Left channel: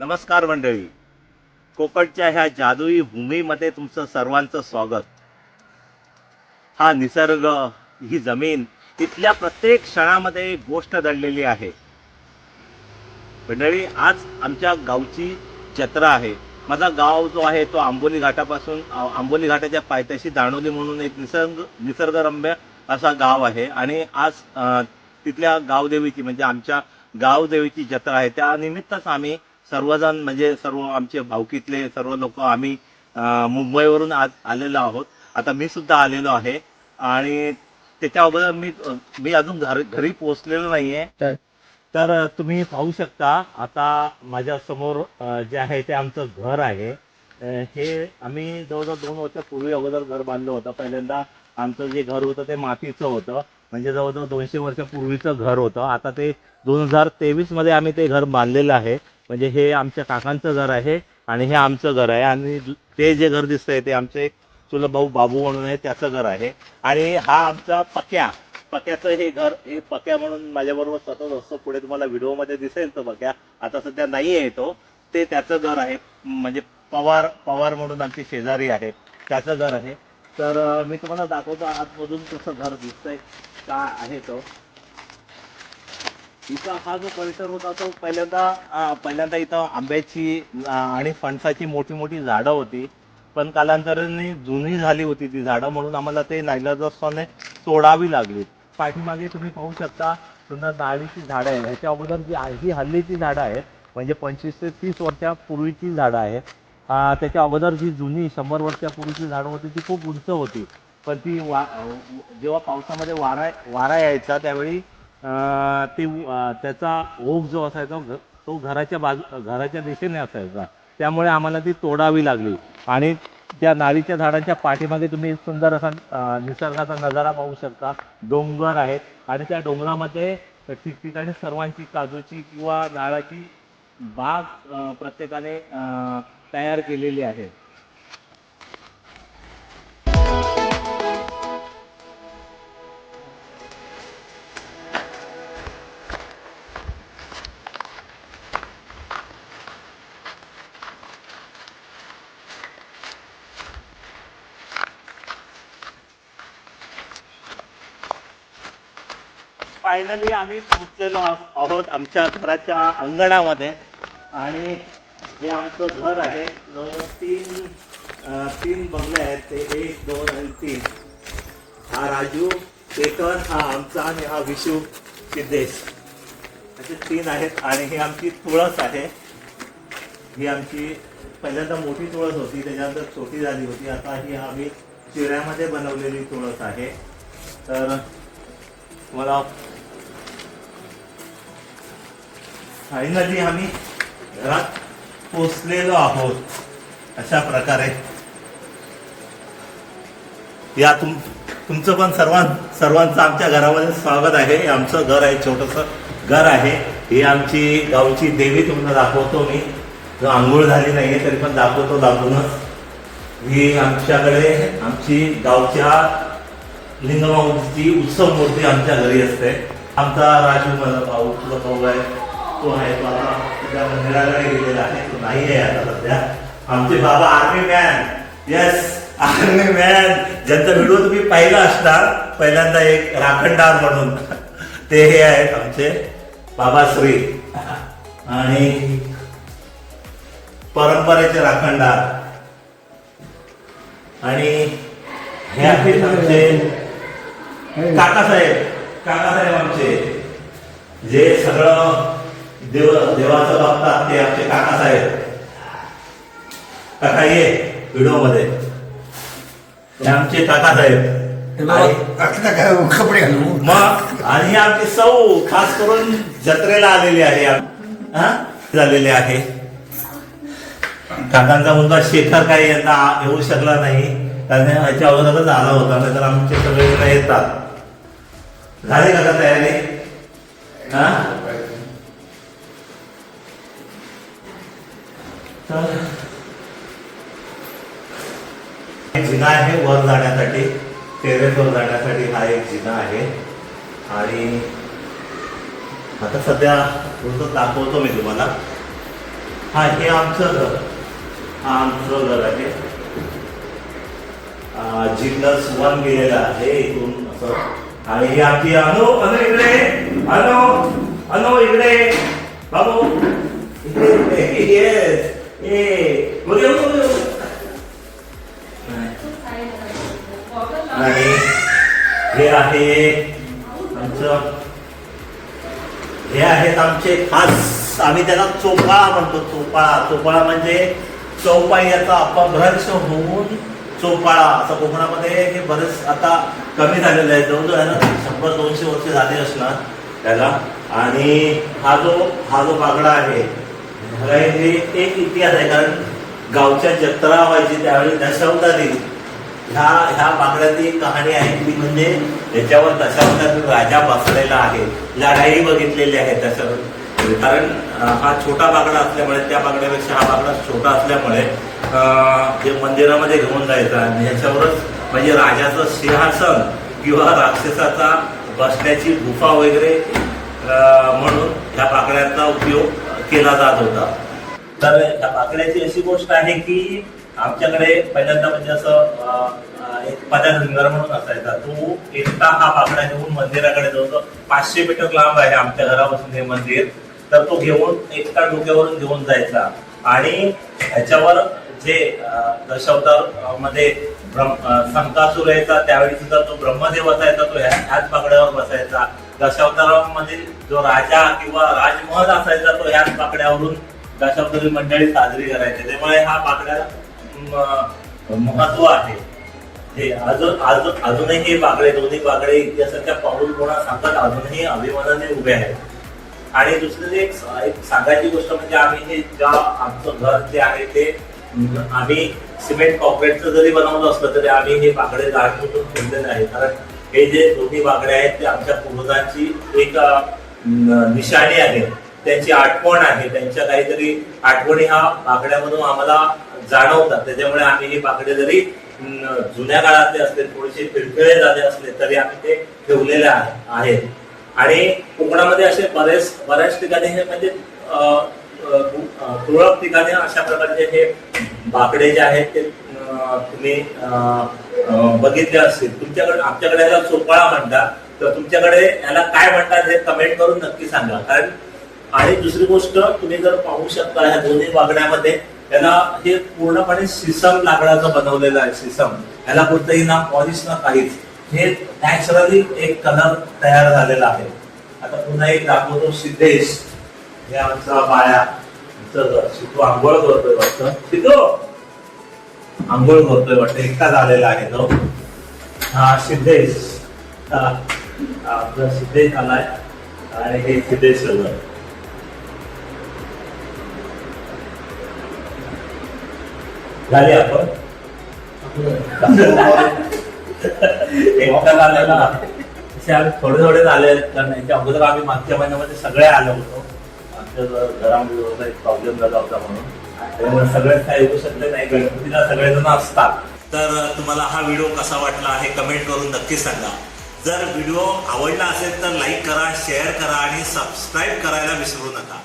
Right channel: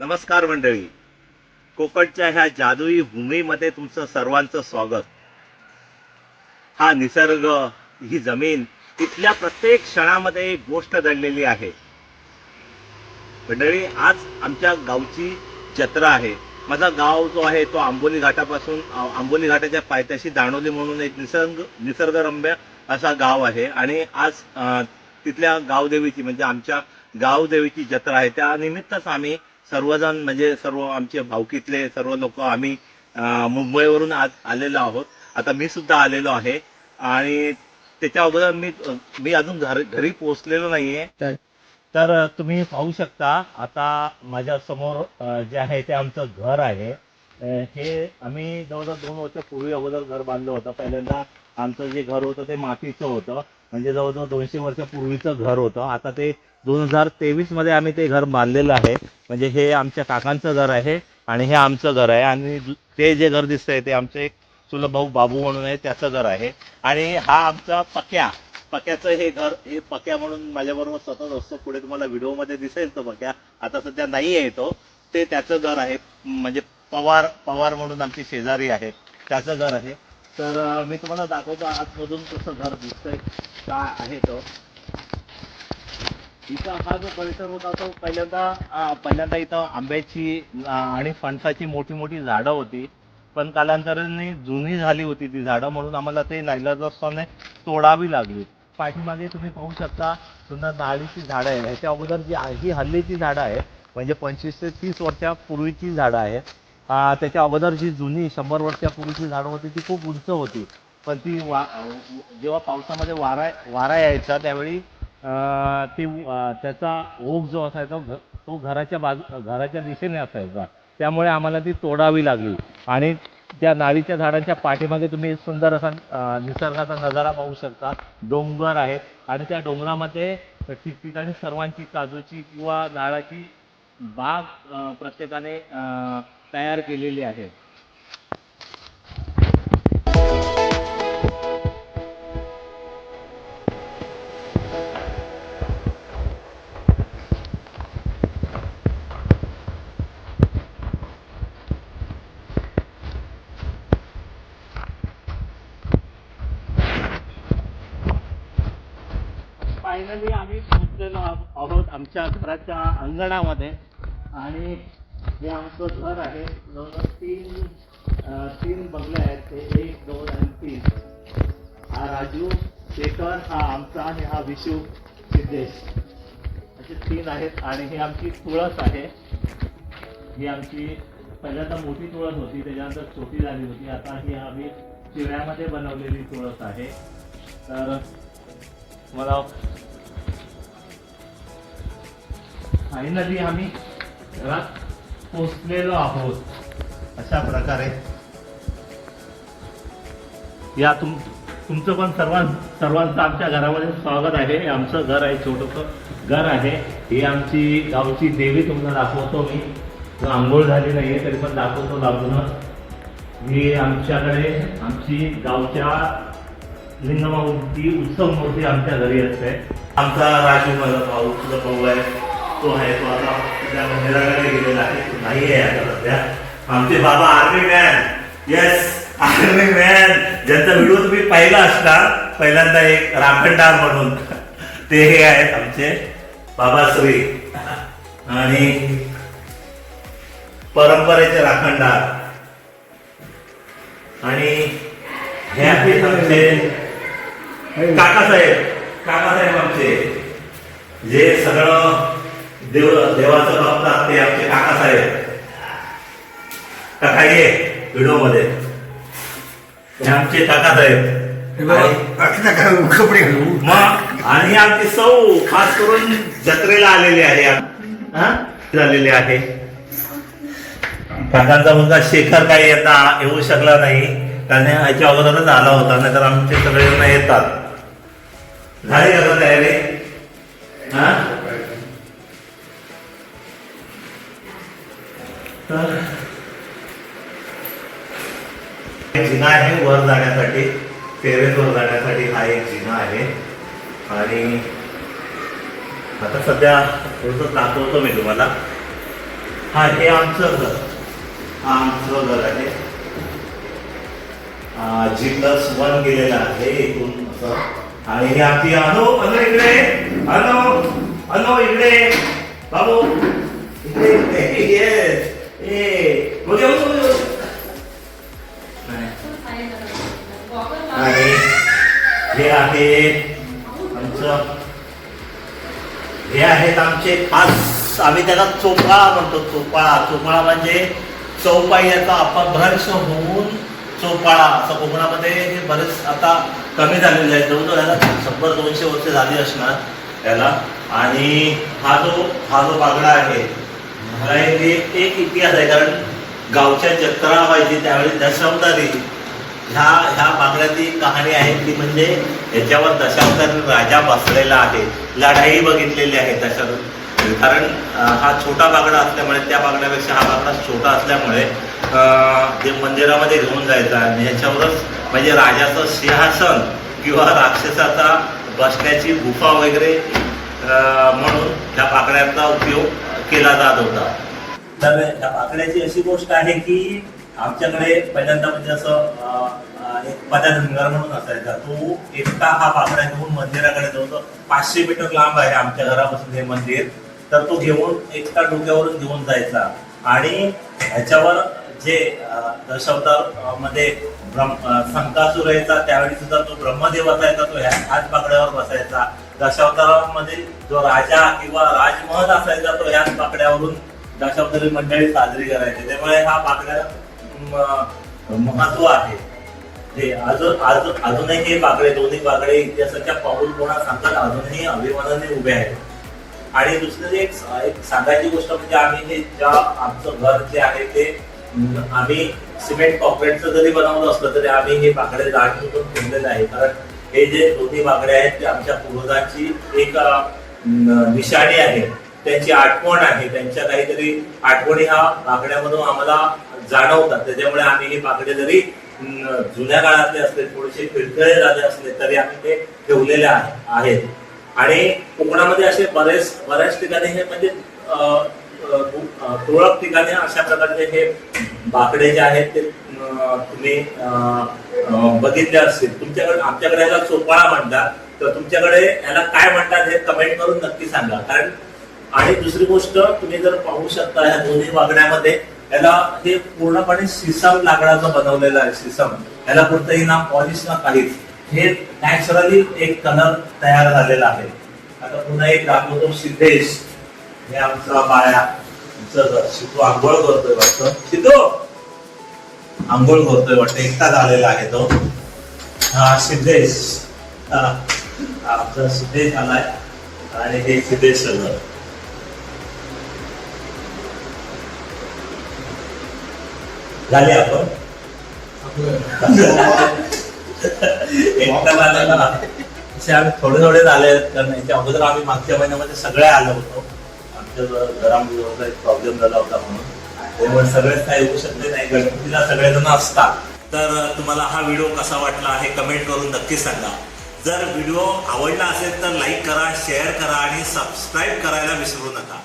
नमस्कार मंडळी. कोकणच्या ह्या जादुई भूमीमध्ये तुमचं सर्वांचं स्वागत. हा निसर्ग, ही जमीन, तिथल्या प्रत्येक क्षणामध्ये एक गोष्ट दडलेली आहे. मंडळी, आज आमच्या गावची जत्रा आहे. माझा गाव जो आहे तो आंबोली घाटापासून आंबोली घाटाच्या पायथ्याशी दाणोली म्हणून एक निसर्गरम्य असा गाव आहे. आणि आज तिथल्या गावदेवीची म्हणजे आमच्या गावदेवीची जत्रा आहे. त्या निमित्तच आम्ही सर्वजण म्हणजे सर्व आमचे भावकीतले सर्व लोक आम्ही मुंबईवरून आज आलेलो आहोत. आता मी सुद्धा आलेलो आहे. आणि त्याच्या अगोदर मी मी अजून घरी पोहोचलेलो नाहीये. तर तुम्ही पाहू शकता आता माझ्या समोर जे आहे ते आमचं घर आहे. हे आम्ही जवळजवळ 2 वर्षापूर्वी अगोदर घर बांधलं होतं. पहिल्यांदा आमचं जे घर होतं ते मातीचं होतं, म्हणजे जवळजवळ 200 वर्षापूर्वीचं घर होतं. आता ते 2023 मध्ये आम्ही ते घर बांधलेलं आहे. म्हणजे हे आमच्या काकांचं घर आहे आणि हे आमचं घर आहे. आणि ते जे घर दिसतंय ते आमचे एक चुलत भाऊ बाबू म्हणून आहे, त्याचं घर आहे. आणि हा आमचा पक्याचं हे घर, हे पक्या म्हणून माझ्याबरोबर सतत असतो. पुढे तुम्हाला व्हिडिओमध्ये दिसेल तो पक्या, आता सध्या नाही आहे तो. ते त्याचं घर आहे. म्हणजे पवार म्हणून आमची शेजारी आहे, त्याचं घर आहे. तर मी तुम्हाला दाखवतो आतमधून कसं घर दिसतंय, काय आहे तो. इथं हा जो परिसर होता तो पहिल्यांदा इथं आंब्याची आणि फणसाची मोठी मोठी झाडं होती. पण कालांतराने जुनी झाली होती ती झाडं, म्हणून आम्हाला ते नाईलाजाने तोडावी लागली. पाठीमागे तुम्ही पाहू शकता सुंदर नारळीची झाडं आहे. ह्याच्या अगोदर जी ही हल्लीची झाडं आहेत, म्हणजे 25 ते 30 वर्षापूर्वीची झाडं आहेत. त्याच्या अगोदर जी जुनी 100 वर्षापूर्वीची झाडं होती ती खूप उंच होती. पण ती जेव्हा पावसामध्ये वारा यायचा त्यावेळी त्याचा ओघ जो असायचा तो घराच्या दिशेने असायचा. त्यामुळे आम्हाला ती तोडावी लागली. आणि त्या नारळीच्या झाडांच्या पाठीमागे तुम्ही सुंदर असा निसर्गाचा नजारा पाहू शकता. डोंगर आहेत आणि त्या डोंगरामध्ये ठिकठिकाणी सर्वांची काजूची किंवा नारळाची बाग प्रत्येकाने तयार केलेली आहे. फायनली आम्ही पोहोचलेलो आहोत आमच्या घराच्या अंगणामध्ये. आणि हे आमचं घर आहे. जवळजवळ तीन बंगले आहेत. ते 1, 2 आणि 3. हा राजू, शेखर हा आमचा, आणि हा विशू सिद्धेश, असे 3 आहेत. आणि ही आमची तुळस आहे. ही आमची पहिल्यांदा मोठी तुळस होती, त्याच्यानंतर छोटी झाली होती. आता ही आम्ही चिऱ्यामध्ये बनवलेली तुळस आहे. तर मला फायनली आम्ही घरात पोचलेलो आहोत. अशा प्रकारे या तुमचं पण सर्वांचं आमच्या घरामध्ये स्वागत आहे. हे आमचं घर आहे, छोटंसं घर आहे. ही आमची गावची देवी तुम्हाला दाखवतो मी. जो आंघोळ झाली नाहीये तरी पण दाखवतो दाखवूनच. ही आमच्याकडे आमची गावच्या लिंगमाऊची उत्सव मूर्ती आमच्या घरी असते. आमचा राजू माझा भाऊ, तुझा भाऊ आहे, तो आहे. तो आता त्या मंदिराकडे गेलेला आहे, तो नाही आहे आता सध्या. आमचे बाबा army man, yes army man, ज्यांचा व्हिडिओ तुम्ही पाहिला असणार पहिल्यांदा, एक राखणदार म्हणून, ते हे आहेत आमचे बाबा श्री. आणि परंपरेचे राखणदार. आणि हे आहेत आमचे काकासाहेब आमचे, जे सगळं देवाचं बघतात, ते आमचे काकासाहेब. काका ये व्हिडिओ मध्ये, हे आमचे काकासाहेब. मग आणि आमची सौ खास करून जत्रेला आलेली आहे, झालेली आहे. काकांचा मुलगा शेखर काही यंदा येऊ शकला नाही, कारण याच्या अगोदरच आला होता, नाहीतर आमचे सगळे जण येतात. झाली का तयारी? तर जिना आहे वर जाण्यासाठी, टेरेसवर जाण्यासाठी हा एक जिना आहे. आणि आता सध्या थोडंसं दाखवतो मी तुम्हाला. हा हे आमचं घर, हा आमचं घर आहे. G+1 गेलेलं आहे इथून असं. आणि हे आमची अनु इकडे, अनु इकडे, बाबू इकडे येस. आणि हे आहेत आमचे खास, आम्ही त्याला चोपाळा म्हणतो. चोपाळा म्हणजे चौपायाचा अपभ्रंश होऊन चोपाळा असं कोकणामध्ये हे बरेच आता कमी झालेलं आहे. जवळजवळ याला 100-200 वर्ष झाली असणार त्याला. आणि हा जो बागडा आहे ह्याला एक इतिहास आहे. कारण गावच्या जत्रा व्हायची त्यावेळी दशावतारी ह्या बागड्याची कहाणी आहे ती म्हणजे याच्यावर दशावतारी राजा बसलेला आहे. लढाई बघितलेली आहे दशावतारी. कारण हा छोटा बागडा असल्यामुळे, त्या बागड्यापेक्षा हा बागडा छोटा असल्यामुळे ते मंदिरामध्ये घेऊन जायचा आणि याच्यावरच म्हणजे राजाचं सिंहासन किंवा राक्षसाचा बसण्याची गुफा वगैरे म्हणून ह्या बाकड्यांचा उपयोग केला जात होता. तर ह्या बाकड्याची अशी गोष्ट आहे की आमच्याकडे पहिल्यांदा म्हणजे असं एक पदाधिंगर म्हणून असायचा. तो एकटा हा बाकडा घेऊन मंदिराकडे जातो. 500 मीटर लांब आहे आमच्या घरापासून हे मंदिर. तर तो घेऊन एकटा डोक्यावरून घेऊन जायचा आणि ह्याच्यावर जे दशावतार मध्ये संकासुर यायचा त्यावेळी सुद्धा जो ब्रह्मदेव असायचा तो ह्याच बाकड्यावर बसायचा. दशावतारामध्ये जो राजा किंवा राजमहल असायचा तो ह्याच बाकड्यावरून दशावतारी मंडळी साजरी करायची. त्यामुळे हा बाकड्याला महत्व आहे. हे अजूनही हे बाकडे, दोन्ही बाकडे इतिहासाच्या पाऊलखुणा सांगत अजूनही अभिमानाने उभे आहेत. आणि दुसरी एक सांगायची गोष्ट म्हणजे आम्ही हे आमचं घर जे आहे ते आम्ही सिमेंट कॉन्क्रीटचं जरी बनवलं असलं तरी आम्ही हे बाकडे जाणून ठेवलेलं आहे. कारण हे जे दोन्ही बाकडे आहेत ते आमच्या पूर्वजांची एक निशाणी आहे, त्यांची आठवण आहे. त्यांच्या काहीतरी आठवणी ह्या बाकड्यामधून आम्हाला जाणवतात. त्याच्यामुळे आम्ही हे बाकडे जरी जुन्या काळातले असले, थोडेसे पिळखळे झाले असले तरी आम्ही ते ठेवलेले आहेत. आणि कोकणामध्ये असे बऱ्याच ठिकाणी हे म्हणजे तुरळक ठिकाणी अशा प्रकारचे हे बाकडे जे आहेत ते तुम्ही बघितले असतील. तुमच्याकडे, आमच्याकडे याला चोपाळा म्हणतात, तर तुमच्याकडे याला काय म्हणतात हे कमेंट करून नक्की सांगा. कारण आणि दुसरी गोष्ट तुम्ही जर पाहू शकता ह्या दोन्ही बागड्यामध्ये याला हे पूर्णपणे सिसम लाकडाचं बनवलेलं आहे. सिसम याला कोणतंही ना पॉलिश ना काहीच, हे नॅचरली एक कलर तयार झालेला आहे. आता पुन्हा एक दाखवतो सिद्धेश. हे आमचा बाळ्या शितू आंघोळ करतोय वाटतं. शितू आंघोळ करतोय वाटतं, एकटा झालेला आहे तो. हा सिद्धेश, आमचा सिद्धेश आलाय आणि हे सिद्धेश सगळं झाले आपण एकटा झालेला असे आम्ही थोडे झाले. कारण याच्या अगोदर आम्ही मागच्या महिन्यामध्ये सगळे आलो होतो. आमच्या घरामध्ये एक प्रॉब्लेम झाला होता म्हणून, त्यामुळे सगळेच काही येऊ शकले नाही. गणपतीला सगळेजण असतात. तर तुम्हाला हा व्हिडिओ कसा वाटला हे कमेंट करून नक्की सांगा. जर व्हिडिओ आवडला असेल तर लाईक करा, शेअर करा आणि सबस्क्राईब करायला विसरू नका.